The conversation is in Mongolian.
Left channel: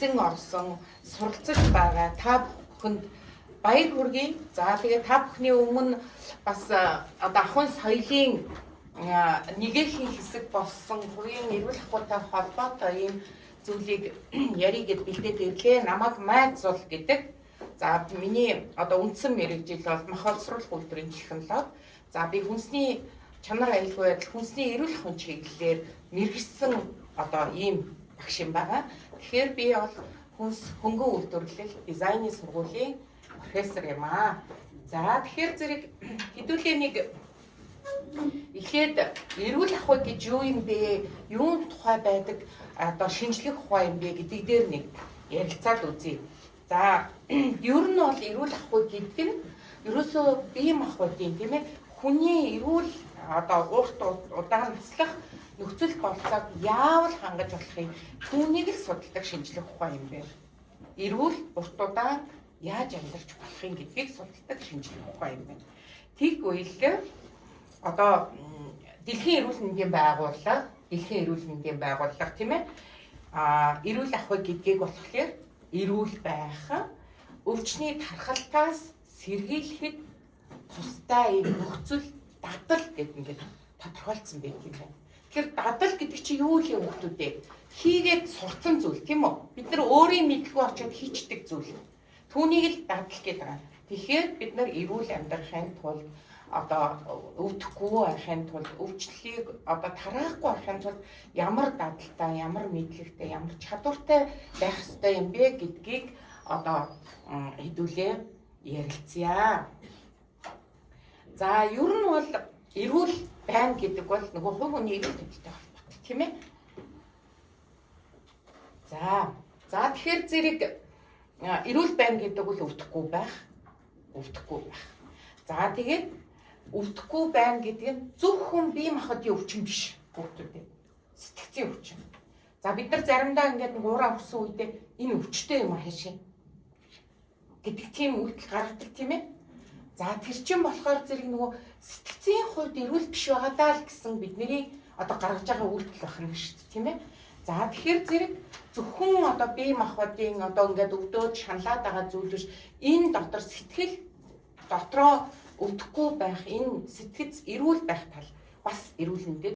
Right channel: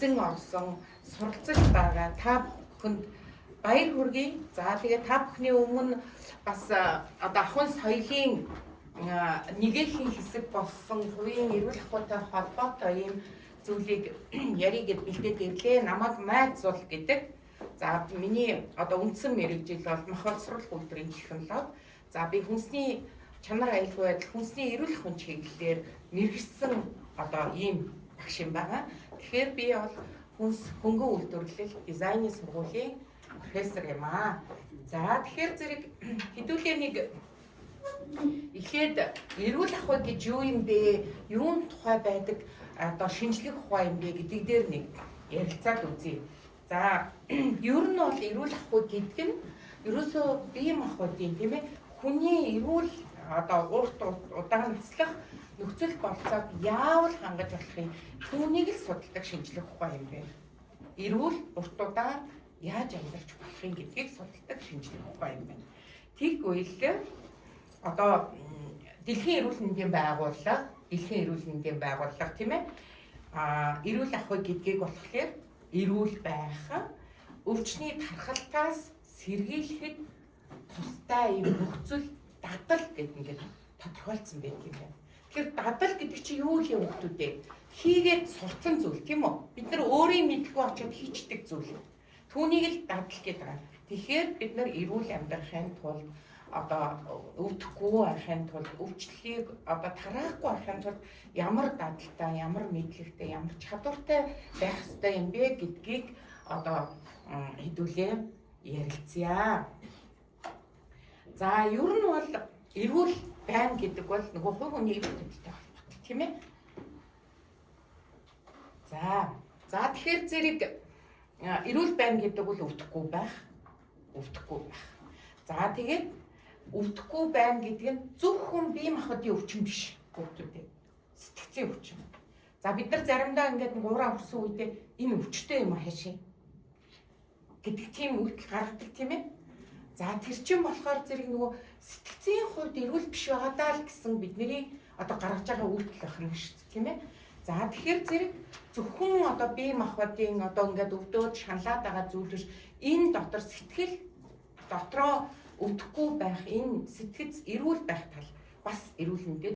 Орсон суралцаж байгаа та бүхэнд баяр хүргэе. За тэгээ та бүхний өмнө бас одоо ахуйн соёлын нэгэн хэсэг болсон хувийн эрүүл ахуйтай холбоотой ийм зүйлийг ярих гэд бэлдээд ирлээ. Намайг Майзул гэдэг. За миний одоо үндсэн мэргэжил бол махбодсруулах үйлдвэрийн технологи. За би хүнсний чанар аюулгүй байдал, хүнсний эрүүл ахуйн чиглэлээр мэргэжсэн одоо ийм багш юм байгаа. Тэгэхээр би бол хүнс хөнгөн үйлдвэрлэл дизайны сургуулийн профессор юм аа. За тэгэхээр зэрэг хэдүүлээ нэг эхлээд эрүүл ахуй гэж юу юм бэ? Юун тухай байдаг одоо шинжлэх ухаан юм бэ гэдэг дээр нэг ярилцаад үзье. За ер нь бол эрүүл ахуй гэдэг нь ерөөсөө бие махбодын тийм ээ хүний эрүүл одоо урт удаан наслах нөхцөл болцоог яавал хангаж болохыг түүнийг л судалдаг шинжлэх ухаан юм байна. Эрүүл урт удаан яаж амьдарч болохыг гэдгийг судалдаг шинжлэх ухаан юм байна. Тэгвэл одоо Дэлхийн эрүүл мэндийн байгууллага тийм ээ эрүүл ахуй гэдгийг болохоор эрүүл байх, өвчний тархалтаас сэргийлэхэд тустай юм нөхцөл дадал гэдэг ингээд тодорхойлцсон байдаг юм байна. Тэгэхээр дадал гэдэг чинь юу вэ хүмүүстээ? Хийгээд сурцсан зүйл тийм үү? Бид нар өөрийн мэдлгүй очиод хийчдэг зүйл. Түүнийг л дадал гэдэг байгаа. Тэгэхээр бид нар эрүүл амьдрахын тулд одоо өвдөхгүй байхын тулд өвчлөлийг одоо тараахгүй байхын тулд ямар дадалтай, ямар мэдлэгтэй, ямар чадвартай байх ёстой юм бэ гэдгийг одоо хэдүүлээ ярилцъя. За ер нь бол эрүүл байна гэдэг бол нөгөө хувь хүний эрүүл мэндтэй холбоотой тийм ээ. За тэгэхээр зэрэг эрүүл байна гэдэг бол өвдөхгүй байх. За тэгээд өвдөхгүй байна гэдэг нь зөвхөн бие махбодын өвчин биш бүгдүүдээ. Сэтгцийн өвчин. За бид нар заримдаа ингээд нэг уураа өгсөн үедээ энэ өвчтэй юм хаашаа гэдэг тийм үйлдэл гаргадаг тийм ээ. За тэр чинь болохоор зэрэг нөгөө сэтгцийн хувьд эрүүл биш байгаа даа л гэсэн бидний одоо гаргаж байгаа үйлдэл байх нь шүү дээ тийм ээ. За тэгэхээр зэрэг зөвхөн одоо бие махбодын одоо ингээд өвдөөд шаналаад байгаа зүйл биш. Энэ дотор сэтгэл дотроо өвдөхгүй байх, энэ сэтгэц эрүүл байх тал бас эрүүл мэндэд